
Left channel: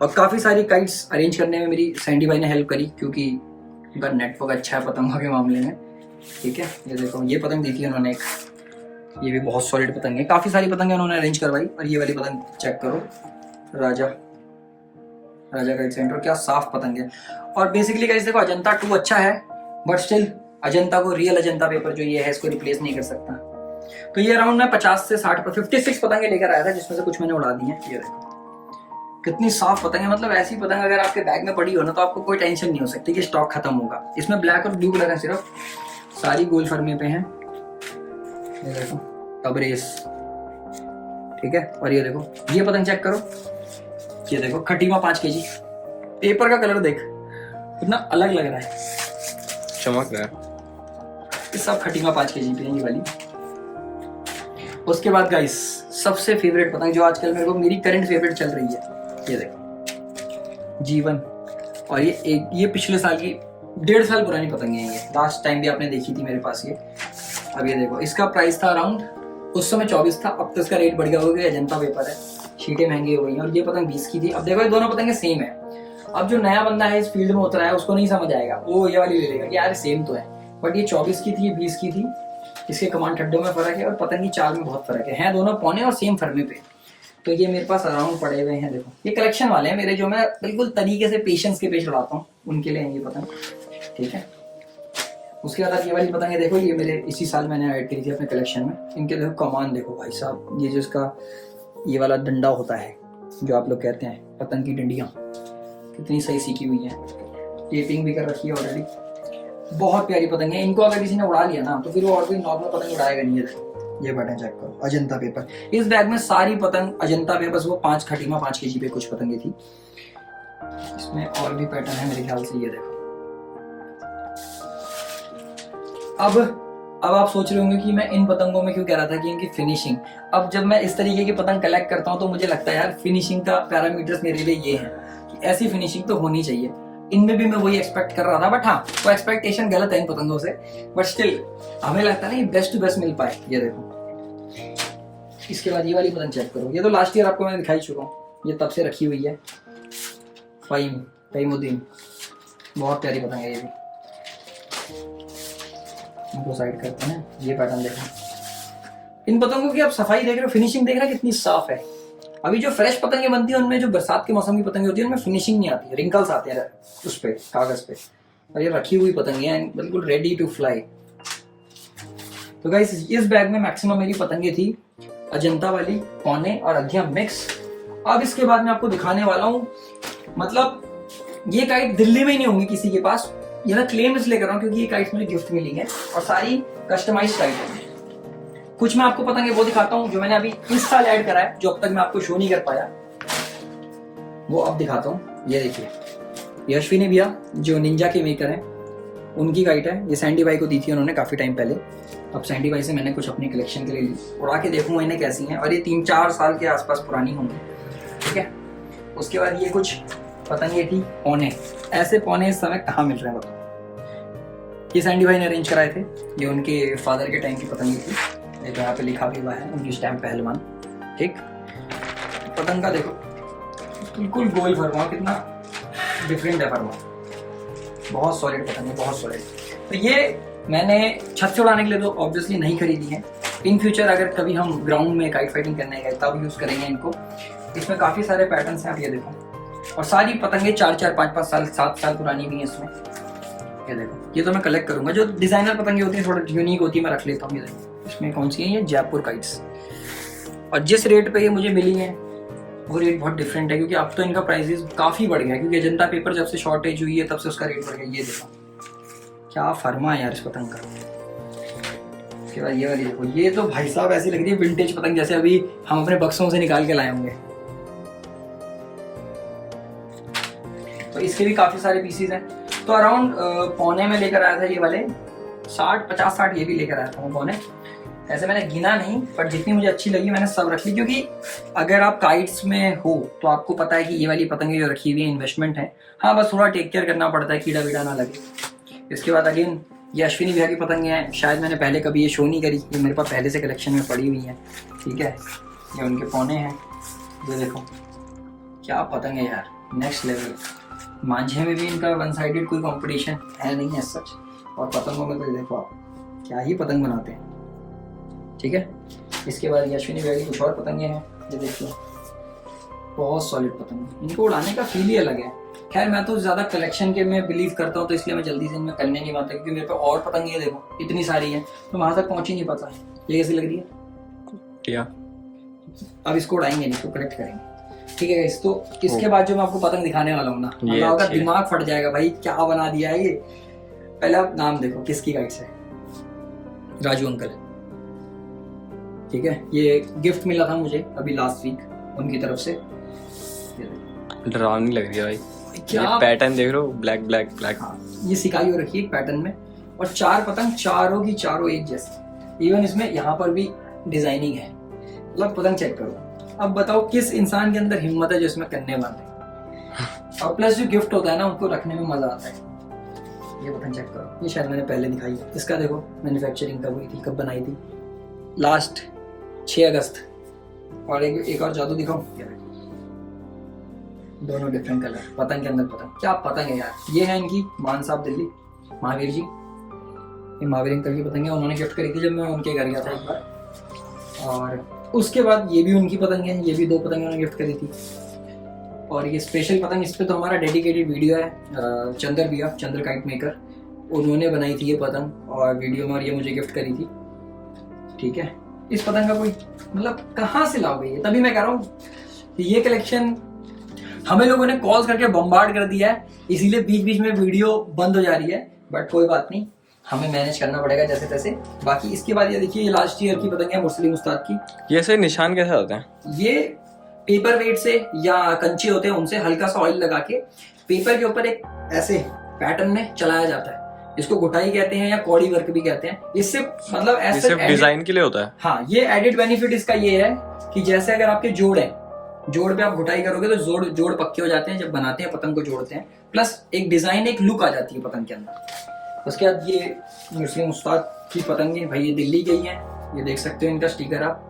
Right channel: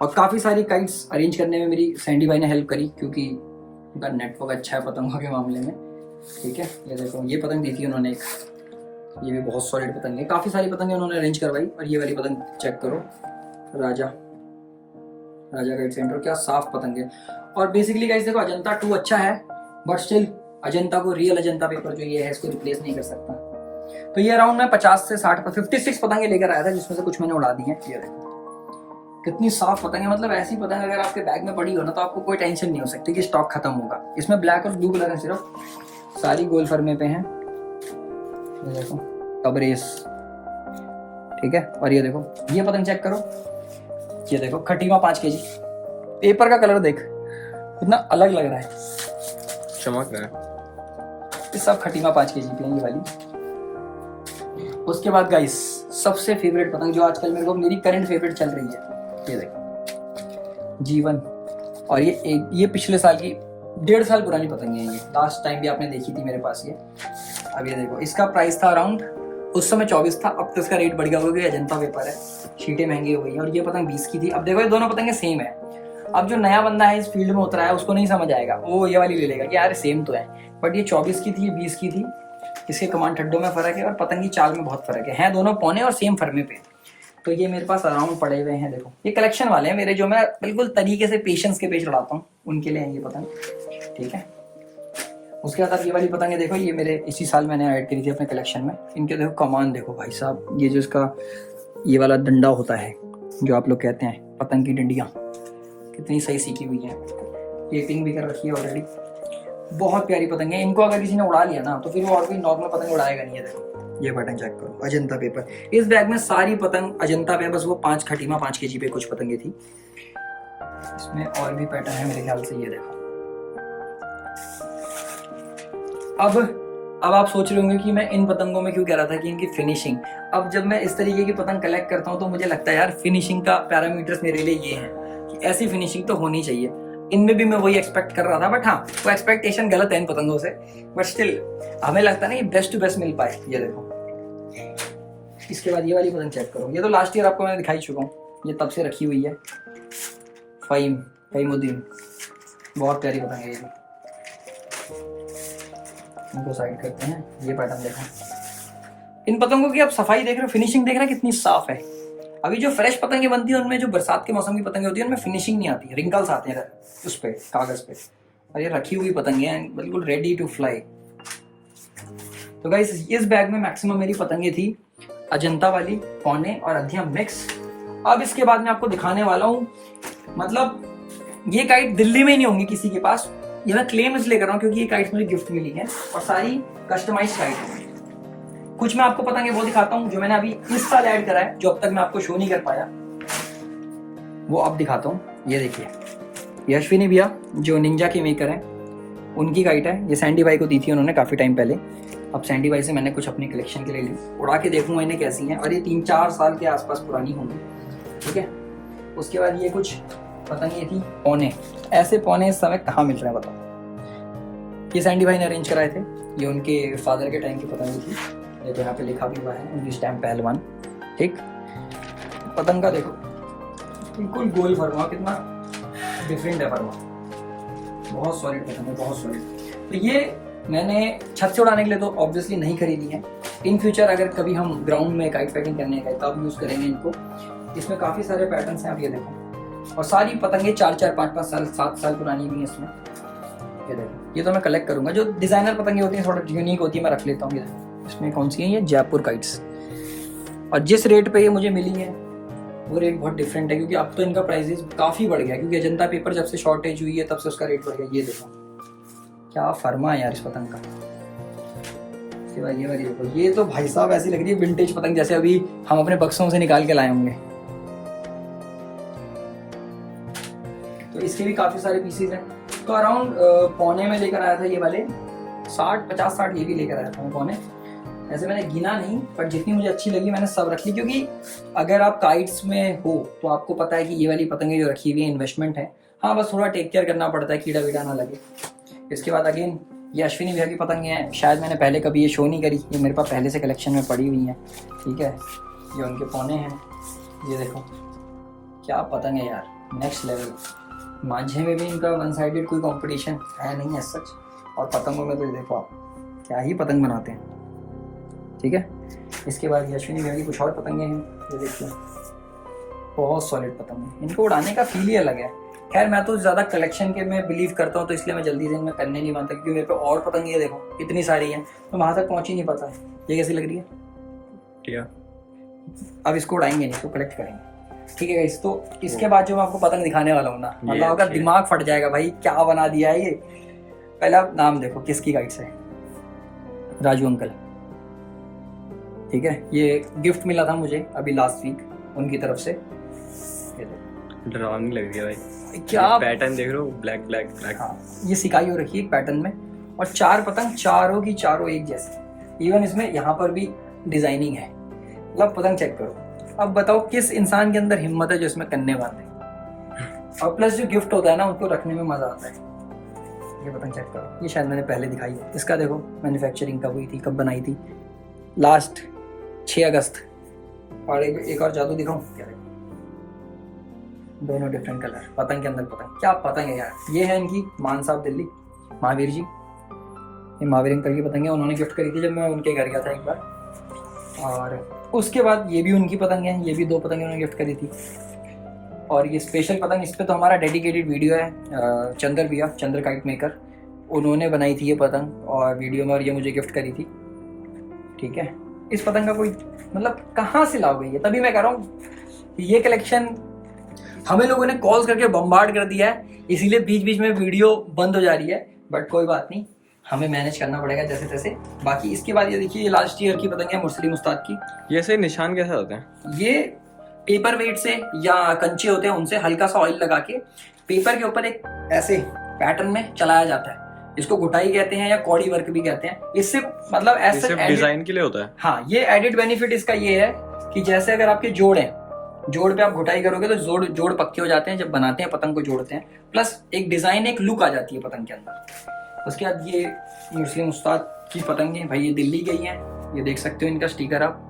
और काफ़ी सारी काइट्स अरेंज करने में मेरी सैंडी भाई ने हेल्प करी, क्योंकि उनका नेटवर्क अच्छा है पतंगों के मामले में, ठीक है। ये देखो ये पतंग देखी उन्होंने एक, ये भी बहुत सॉलिड पतंग है। काफ़ी सारी पतंगें उन्होंने अरेंज करवाई। और ये वाली पतंग चेक करो, राजा काइट सेंटर, क्या साफ पतंग है। और बेसिकली गाइस देखो अजंता 2 अच्छा है, बट स्टिल अजंता को, रियल अजंता पेपर जो ये है इसको रिप्लेस नहीं कर सकता। तो ये अराउंड मैं 50 से 60 56 पतंगे लेकर आया था, जिसमें से कुछ मैंने उड़ा दी हैं। ये देखो कितनी साफ पतंग है। मतलब ऐसी पतंग अगर आपके बैग में पड़ी हो ना, तो आपको कोई टेंशन नहीं हो सकती कि स्टॉक खत्म होगा। इसमें ब्लैक और ब्लू कलर है सिर्फ, सारी गोल फर्मे पे हैं। ये देखो तबरेज, ठीक है। और ये देखो ये पतंग चेक करो, ये देखो खटीमा 5 kg। पेपर का कलर देख कितना अलग लग रहा है, चमक रहा है। ये सब खटीमा 5 kg पे है ये वाली। उसके बाद गाइस सबसे फेवरेट पतंग जो आजकल मेरे को, मेरी करंट फेवरेट चल रही है, ये देखो जीवन। और ये पिछले साल की 1.5 साल पुरानी पतंग है ये, लास्ट टाइम भी आपने देखी थी मेरे पास ये। अब ये देखो, इसका प्राइस था अराउंड, उस समय 24 था, अब तो इसका रेट बढ़ गया हो गया, अजंता पेपर है, शीटें महंगी हो गई हैं। और ये पतंग 20 की थी। अब देखो ये दोनों पतंगें सेम है। अब जो नया बंदा है इस फील्ड में उतरा है उसको नहीं समझ आएगा, वो ये वाली ले लेगा कि यार सेम तो है, बट ये 24 की थी, ये 20 की थी। इसके कमांड ठड्डों में फर्क है और पतंग की चाल में बहुत फर्क है। हैं दोनों पौने और सेम फर्मे पे। तो ये मेरे पास अराउंड पड़े हुए हैं, देखो ये कलेक्शन वाले हैं मेरे, जो मैं बिल्कुल तरीके से पेशेंस के पेश लड़ाता हूँ, उनके लिए ये पतंग, ठीक है। उसके बाद ये वाली पतंगे देखो, ये मेरे इसी साल मैंने ऐड करी थी अपने कलेक्शन में। इनके देखो कमान देखो भाई साहब, ये जो इसका ये वाला डंडा होता है जो आप लोग कहते हैं पतंग की डंडियाँ, कितनी सही सीखी हुई है, टेपिंग भी कर रखी है ऑलरेडी। बहुत प्यारी पतंग है। इनको अगर किसी ने उड़ा लिया ना तो फिर वो और कोई नॉर्मल पतंग उड़ाएगा नहीं है। देखो ये पैटर्न चेक करो, अजंता पेपर। इस बैग में सारी पतंग अजंता पे, बस वो 5 खटीमा 5 kg पे कुछ पतंगे थी। इसमें और भी पैटर्न है मेरे ख्याल से, ये देखो। अब आप सोच रहे होंगे कि मैं इन पतंगों में क्यों कह रहा था कि इनकी फिनिशिंग। अब जब मैं इस तरीके की पतंग कलेक्ट करता हूँ तो मुझे लगता है यार फिनिशिंग का पैरामीटर्स मेरे लिए ये है कि ऐसी फिनिशिंग तो होनी चाहिए। इनमें भी मैं वही एक्सपेक्ट कर रहा था, बट हाँ वो एक्सपेक्टेशन गलत है इन पतंगों से, बट स्टिल हमें लगता है ना बेस्ट टू बेस्ट मिल पाए। ये देखो, इसके बाद ये वाली पतंग चेक करो। ये तो लास्ट ईयर आपको मैं दिखाई चुका हूँ, ये तब से रखी हुई है। फहीमुद्दीन, बहुत प्यारी पतंग है ये भी। इनको साइड करते हैं। ये पैटर्न देखो, इन पतंगों की आप सफाई देख रहे हो, फिनिशिंग देख रहे हो कितनी साफ है। अभी जो फ्रेश पतंगें बनती है उनमें, जो बरसात के मौसम की पतंगें होती है उनमें फिनिशिंग नहीं आती है, रिंकल्स आते हैं उस पे कागज पे। और ये रखी हुई पतंगें हैं बिल्कुल रेडी टू फ्लाई। तो गाइस इस बैग में मैक्सिमम मेरी पतंगें थी अजंता वाली, पौने और अध्यम मिक्स। अब इसके बाद मैं आपको दिखाने वाला हूँ, मतलब ये काइट दिल्ली में नहीं होंगी किसी के पास, ये मैं क्लेम इसलिए कर रहा हूँ क्योंकि ये काइट्स मुझे गिफ्ट मिली है और सारी कस्टमाइज्ड काइट है। कुछ मैं आपको पतंगे वो दिखाता हूँ जो मैंने अभी इस साल ऐड करा है, जो अब तक मैं आपको शो नहीं कर पाया, वो अब दिखाता हूँ। ये देखिए, ये अश्विनी भैया जो निंजा के मेकर हैं, उनकी काइट है। ये सैंडी भाई को दी थी उन्होंने काफी टाइम पहले। अब सैंडी भाई से मैंने कुछ अपनी कलेक्शन के लिए ली, उड़ा के देखूंगा इन्हें कैसी हैं, और ये 3-4 साल के आसपास पुरानी होंगी, ठीक है। उसके बाद ये कुछ पतंगे थी पौने। ऐसे पौने इस समय कहाँ मिल रहे हैं बताओ। ये सैंडी भाई ने अरेंज कराए थे, ये उनके फादर के टाइम की पतंगी थी। ये तो यहाँ पे लिखा भी हुआ है उनकी स्टैम्प पहलवान, ठीक। पतंग का देखो बिल्कुल गोल फरमा, कितना डिफरेंट है फरमा, बहुत सॉलिड पतंग है, बहुत सॉलिड। तो ये मैंने छत से उड़ाने के लिए तो ऑब्वियसली नहीं खरीदी है। इन फ्यूचर अगर कभी हम ग्राउंड में काइट फाइटिंग करने गए तब यूज करेंगे इनको। इसमें काफी सारे पैटर्न्स हैं, आप ये देखो, और सारी पतंगे 4-4, 5-5 साल, 7 साल पुरानी भी है इसमें। ये देखो, ये तो मैं कलेक्ट करूंगा। जो डिजाइनर पतंगे होती है थोड़ा यूनिक होती है, मैं रख लेता हूँ। ये देखो, इसमें कौन सी है, ये जयपुर काइट्स। और जिस रेट पे ये मुझे मिली है वो रेट बहुत डिफरेंट है, क्योंकि अब तो इनका प्राइसेस काफी बढ़ गया, क्योंकि अजंता पेपर जब से शॉर्टेज हुई है तब से उसका रेट बढ़ गया। ये देखो क्या फरमा है यार इस पतंग का। इसके बाद ये वाली देखो, ये तो भाई साहब ऐसी लग रही है विंटेज पतंग, जैसे अभी हम अपने बक्सों से निकाल के लाए होंगे। तो इसके भी काफी सारे पीसीज हैं। तो अराउंड पौने में लेकर आया था ये वाले, 50-60 ये भी लेकर आया था पौने। ऐसे मैंने गिना नहीं, पर जितनी मुझे अच्छी लगी मैंने सब रख ली, क्योंकि अगर आप काइट्स में हो तो आपको पता है कि ये वाली पतंगे जो रखी हुई है इन्वेस्टमेंट है। हाँ बस थोड़ा टेक केयर करना पड़ता है, कीड़ा वीड़ा ना लगे। इसके बाद अगेन ये अश्विनी भैया की पतंगे हैं, शायद मैंने पहले कभी ये शो नहीं करी, ये मेरे पास पहले से कलेक्शन में पड़ी हुई है, ठीक है। ये उनके पौने हैं, ये देखो क्या पतंग है यार, नेक्स्ट लेवल। मांझे में भी इनका वन साइडेड कोई कंपटीशन है नहीं है सच, और पतंगों में तो देखो आप क्या ही पतंग बनाते हैं, ठीक है। इसके बाद ये अश्विनी भैया की कुछ और पतंगे हैं, ये देखिए बहुत सॉलिड पतंग है, इनको उड़ाने का फील ही अलग है। खैर मैं तो ज़्यादा कलेक्शन के में बिलीव करता हूँ, तो इसलिए मैं जल्दी से इनमें करने नहीं पाता, क्योंकि मेरे पे और पतंगे देखो इतनी सारी हैं, तो वहाँ तक पहुँच ही नहीं पाता है। ये कैसी लग रही है? क्या अब इसको उड़ाएंगे नहीं, इसको कलेक्ट करेंगे, ठीक है गाइस। तो इसके बाद जो मैं आपको पतंग दिखाने वाला हूँ ना, मतलब आपका दिमाग फट जाएगा भाई, क्या बना दिया है ये। पहले आप नाम देखो किसकी गाइड से, राजू अंकल, ठीक है। ये गिफ्ट मिला था मुझे अभी लास्ट वीक उनकी तरफ से। डरावनी लग रही है भाई, क्या पैटर्न देख रहे हो, ब्लैक ब्लैक ब्लैक। हाँ, ये सिकाई हो रखी है पैटर्न में, और 4 पतंग चारों की चारों एक जैसी। इवन इसमें यहाँ पर भी डिजाइनिंग है, मतलब पतंग चेक करो। अब बताओ किस इंसान के अंदर हिम्मत है जो इसमें कन्ने बांधे, और प्लस जो गिफ्ट होता है ना उनको रखने में मजा आता है। ये पतंग चेक करो, ये शायद मैंने पहले दिखाई है। इसका देखो मैन्युफैक्चरिंग कब हुई थी, कब बनाई थी, लास्ट 6 अगस्त। और एक और जादू दिखाऊं, क्या देखो, दोनों डिफरेंट कलर, पतंग के अंदर पतंग, क्या पतंग है यार। ये है इनकी मान साहब दिल्ली, महावीर जी, ये महावीर अंकल की पतंग है, उन्होंने गिफ्ट करी थी जब मैं उनके घर गया था एक बार। और उसके बाद ये भी उनकी पतंग है, ये भी 2 पतंग उन्होंने गिफ्ट करी थी। और ये स्पेशल पतंग, इस पे तो हमारा डेडिकेटेड वीडियो है, चंद्र भैया, चंद्र काइट मेकर, उन्होंने बनाई थी ये पतंग और वीडियो में, और ये मुझे गिफ्ट करी थी। ठीक है, इस पतंग का कोई मतलब कहाँ से लाओगे ये, तभी मैं कह रहा हूँ ये कलेक्शन हमें लोगों ने कॉल्स करके बम्बार्ड कर दिया है, इसीलिए बीच बीच में वीडियो बंद हो जा रही है। बट कोई बात नहीं, हमें मैनेज करना पड़ेगा जैसे तैसे। बाकी इसके बाद ये देखिए, ये लास्ट ईयर की पतंग है मुस्लिम उस्ताद की। ये से निशान कैसे होते हैं? ये पेपर वेट से या कंचे होते हैं उनसे हल्का सा ऑयल लगा के पेपर के ऊपर एक ऐसे पैटर्न में चलाया जाता है। इसको गुटाई कहते हैं या कौड़ी वर्क भी कहते हैं। इससे मतलब ऐसे सिर्फ डिजाइन के लिए होता है। हाँ, ये एडिड बेनिफिट इसका ये है कि जैसे अगर आपके जोड़ है, जोड़ पे आप घुटाई करोगे तो जोड़ पक्के हो जाते हैं जब बनाते हैं, पतंग को जोड़ते हैं, प्लस एक डिजाइन, एक लुक आ जाती है पतंग के अंदर। उसके बाद ये मुस्लिम उस्ताद की पतंग है भाई, ये दिल्ली गई है, ये देख सकते हो इनका स्टिकर आप,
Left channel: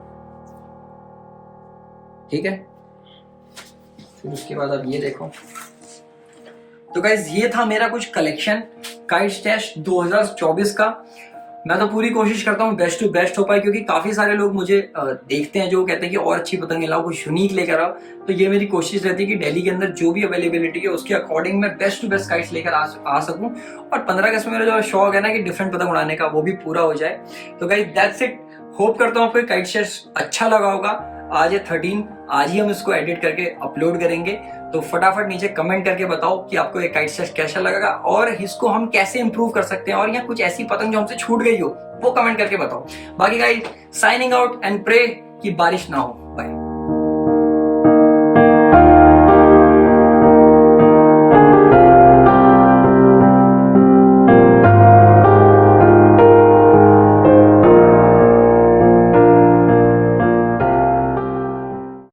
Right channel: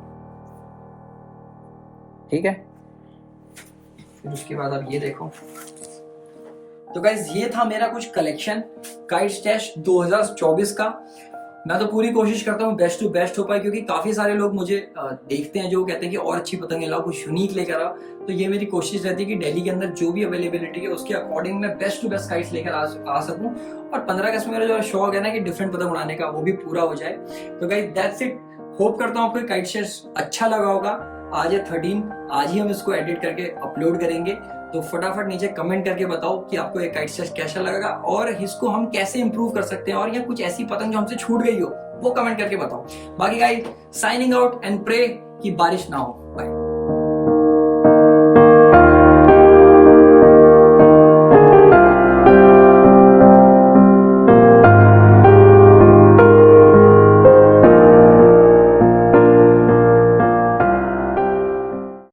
ठीक है। फिर उसके बाद आप ये देखो। तो गाइज ये था मेरा कुछ कलेक्शन काइट स्टैश 2024 का। मैं तो पूरी कोशिश करता हूँ बेस्ट टू बेस्ट हो पाए, क्योंकि काफी सारे लोग मुझे देखते हैं जो कहते हैं कि और अच्छी पतंगे लाओ, कुछ यूनिक लेकर आओ। तो ये मेरी कोशिश रहती है कि दिल्ली के अंदर जो भी अवेलेबिलिटी है उसके अकॉर्डिंग मैं बेस्ट टू बेस्ट काइट्स लेकर आ सकूं, और 15 अगस्त में मेरा जो शौक है ना कि डिफरेंट पतंग उड़ाने का, वो भी पूरा हो जाए। तो गाइज दैट्स इट। होप करता हूँ आपको काइट स्टैश अच्छा लगा होगा। आज है 13, आज ही हम इसको एडिट करके अपलोड करेंगे। तो फटाफट नीचे कमेंट करके बताओ कि आपको ये काइट स्टैश कैसा लगेगा और इसको हम कैसे इंप्रूव कर सकते हैं, और या कुछ ऐसी पतंग जो हमसे छूट गई हो वो कमेंट करके बताओ। बाकी guys signing out and pray कि बारिश ना हो।